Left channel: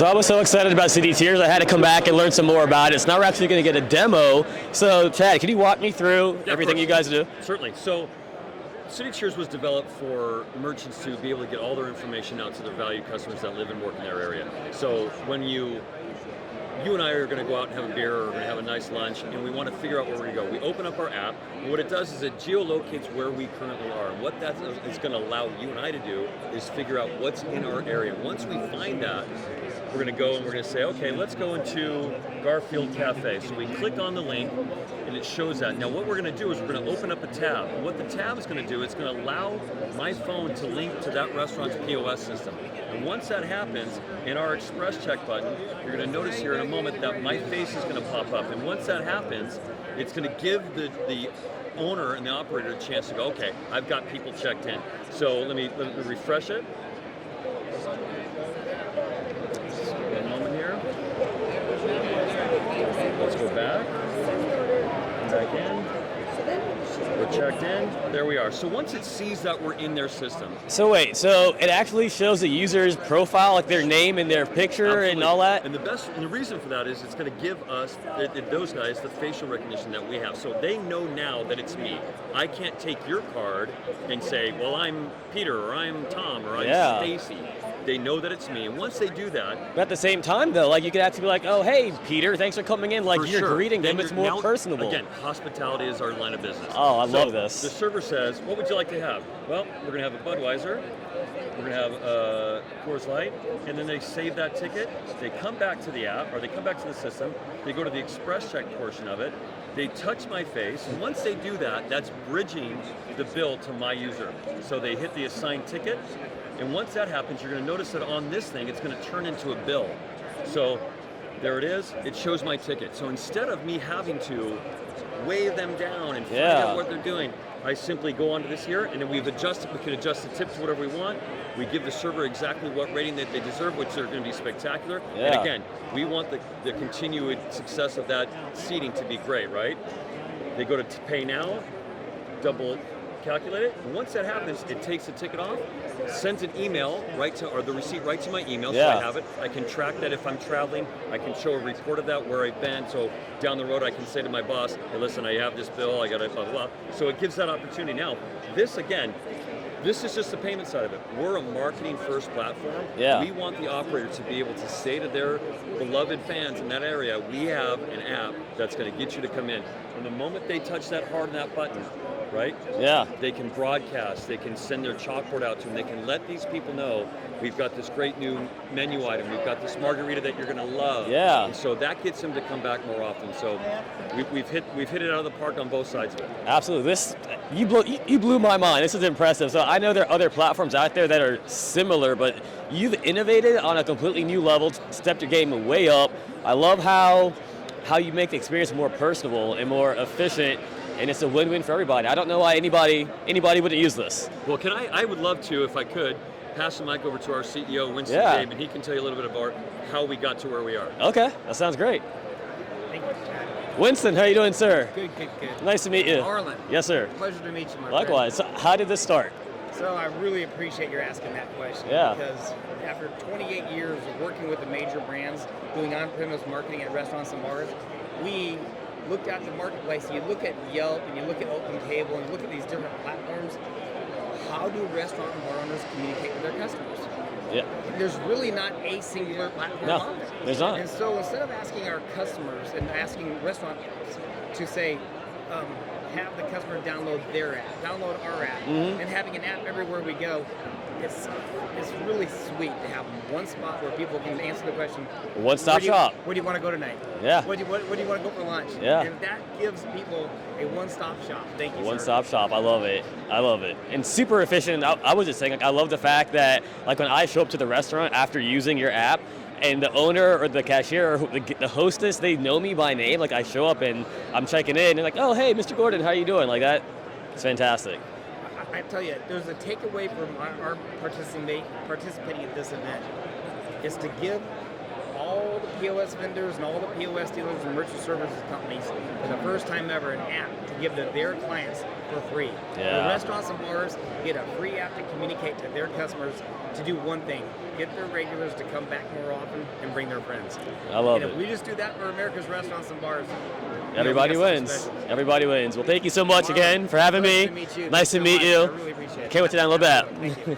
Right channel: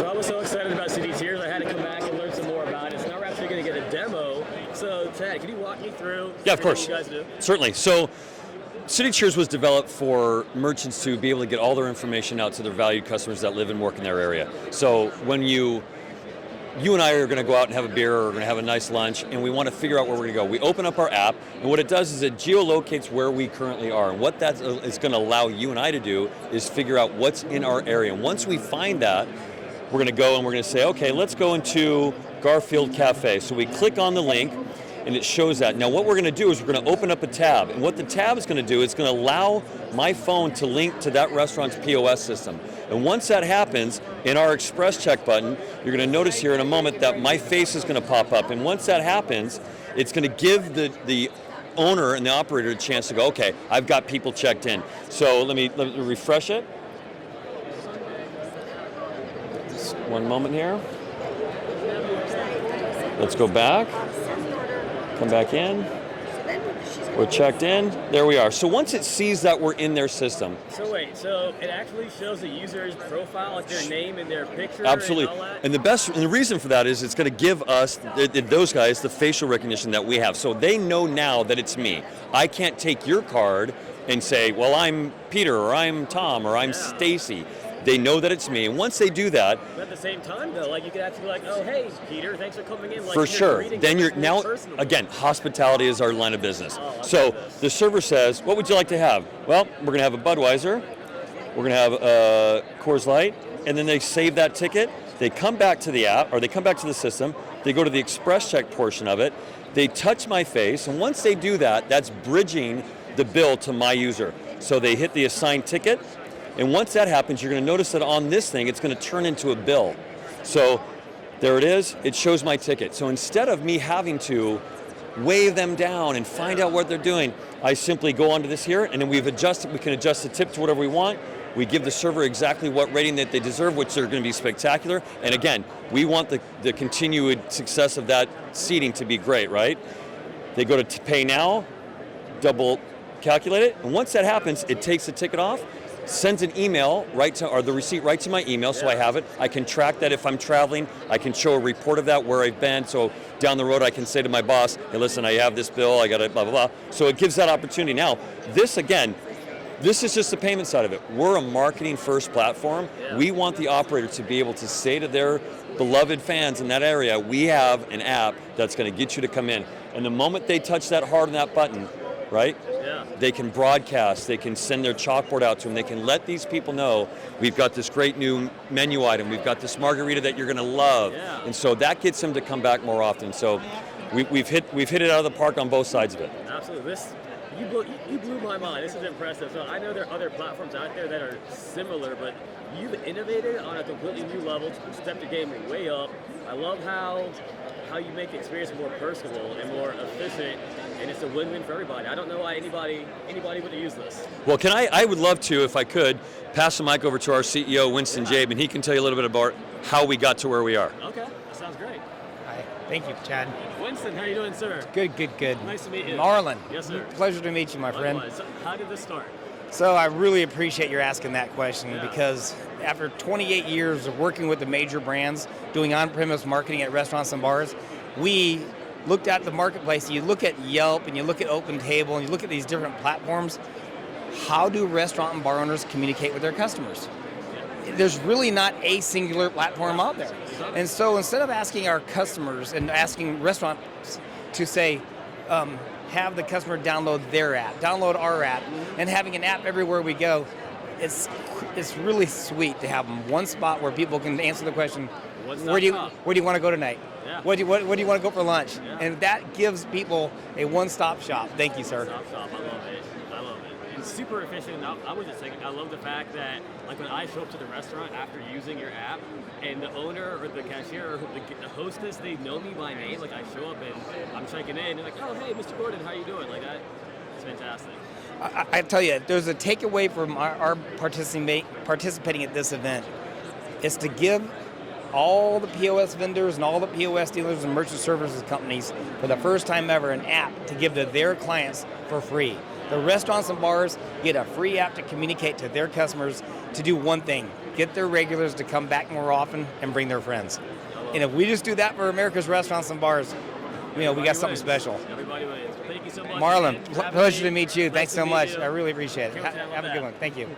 So I was so excited about CityCheers, I had to come back and learn some more about it. So now we're actually going to get a demo. So Chad, can you walk me through everything you guys do? Certainly. So CityCheers was developed for merchants to be able to get all their information out to their valued customers that live and work in their area. So when you and I are going to go out and have a beer or we're going to have a nice lunch and we want to figure out where we're going to go. We open up our app and what it does is it geolocates where we currently are. And what that is going to allow you and I to do is figure out what's in our area. And once we find that, we're going to go and we're going to say, okay, let's go into Garfield Cafe. So we click on the link and it shows that. Now what we're going to do is we're going to open up a tab. And what the tab is going to do is going to allow my phone to link to that restaurant's POS system. And once that happens, in our Express Check button, you're going to notice here in a moment that my face is going to pop up. And once that happens, it's going to give the owner and the operator a chance to go, okay, I've got people checked in. So let me refresh it. Just one moment here. Let's go back. Come back in. We're checked in. There we are. So once it sees that we're in their system. So wait, so it actually shows the user's profile, like their name and their picture and all that? And the reason for that is it's going to give us, those guys, the facial recognition that we have. So they know now that it's me. I can't take your card and say, well, I'm Peter, or I'm Tom, or I'm Stacy. They know that it's me, and once they do that... But at the same time, though, like you could actually be like, oh, hey, Peter, thanks for coming in. Like, for you're greeting them, it's more personable. Again, hospitality is our line of business. Oh, I love this. So the server says, what would you like to have? Well, we're going to have a Budweiser, we're going to have a Coors Light, and then they save that ticket, they come back to the app, or they come back to the system, they go to the Express Check portion of it, they touch my face, and once they do that, that's bridging the bill to my user. So they hit the assigned ticket, and once that happens, you're going to notice that on this thing, it's going to turn into a bill. So there it is. It shows my ticket. So instead of me having to wave them down and find out what they're doing, I simply go onto this here, and then we can adjust the tip to whatever we want. We give the server exactly what rating that they deserve, which are going to be spectacular. Yeah. And again, we want the continued success of that seating to be great, right? They go to pay now, double calculate it, and once that happens, it takes the ticket off, sends an email or the receipt right to my email, so I have it. I can track that if I'm traveling. I can show a report of that where I've been. So down the road, I can say to my boss, hey, listen, I have this bill, I got it, blah, blah, blah. So it gives that opportunity. Now, this is just the payment side of it. We're a marketing first platform. Yeah. We want the operator to be able to say to their beloved fans in that area, we have an app that's going to get you to come in. And the moment they touch that hard on that button, right? Yeah. They can broadcast, they can send their chalkboard out to them, they can let these people know we've got this great new menu item, we've got this margarita that you're going to love. Yeah. And so that gets them to come back more often. So we've hit it out of the park on both sides of it. Absolutely. You blew my mind. This is impressive. So I know there are other platforms out there that are similar, but you've innovated on a completely new level, stepped your game way up. I love how you make the experience more personable and more efficient. And it's a win-win for everybody. I don't know why anybody would use this. Well, I would love to, if I could, pass the mic over to our CEO, Winston Jabe, and he can tell you a little bit about how we got to where we are. Okay, that sounds great. Thank you, Chad. Winston, how you doing, sir? Good. Nice to meet you. Marlon. Yes, sir. Pleasure to meet you, my friend. Likewise. So how did this start? So I really appreciate your asking that question because after 28 years of working with the major brands, doing on-premise marketing at restaurants and bars, we looked at the marketplace, and you look at Yelp, and you look at OpenTable, and you look at these different platforms. How do restaurant and bar owners communicate with their customers? Yeah. There's really not a singular platform out there. There's not. And so instead of asking our customers and asking restaurants to say, have the customer download their app, download our app, and having an app everywhere we go, it's really sweet to have one spot where people can answer the question, one-stop shop. Where do you want to go tonight? Yeah. Where do you want to go for lunch? Yeah. And that gives people a one-stop shop. Thank you, sir. One-stop shop. I love it. And super efficient. I was just saying, I love the fact that, like, when I show up to the restaurant after using your app, and the owner or the cashier or the hostess, they know me by name. Like, I show up and I'm checking in, and they're like, oh, hey, Mr. Gordon, how are you doing? Like that. It's fantastic. I tell you, there's a takeaway from our participating at this event is to give all the POS vendors and all the POS dealers and merchant services companies for the first time ever an app to give to their clients for free. Yeah. The restaurants and bars get a free app to communicate to their customers to do one thing, get their regulars to come back more often and bring their friends. I love and it. if we just do that for America's restaurants and bars, Everybody we got wins. something special. Everybody wins. Well, thank you so much Marlon, again for having me. Pleasure to meet you. Nice Thanks to so meet much. you. I really appreciate it. Can't wait to download Have a that. good one. Thank you.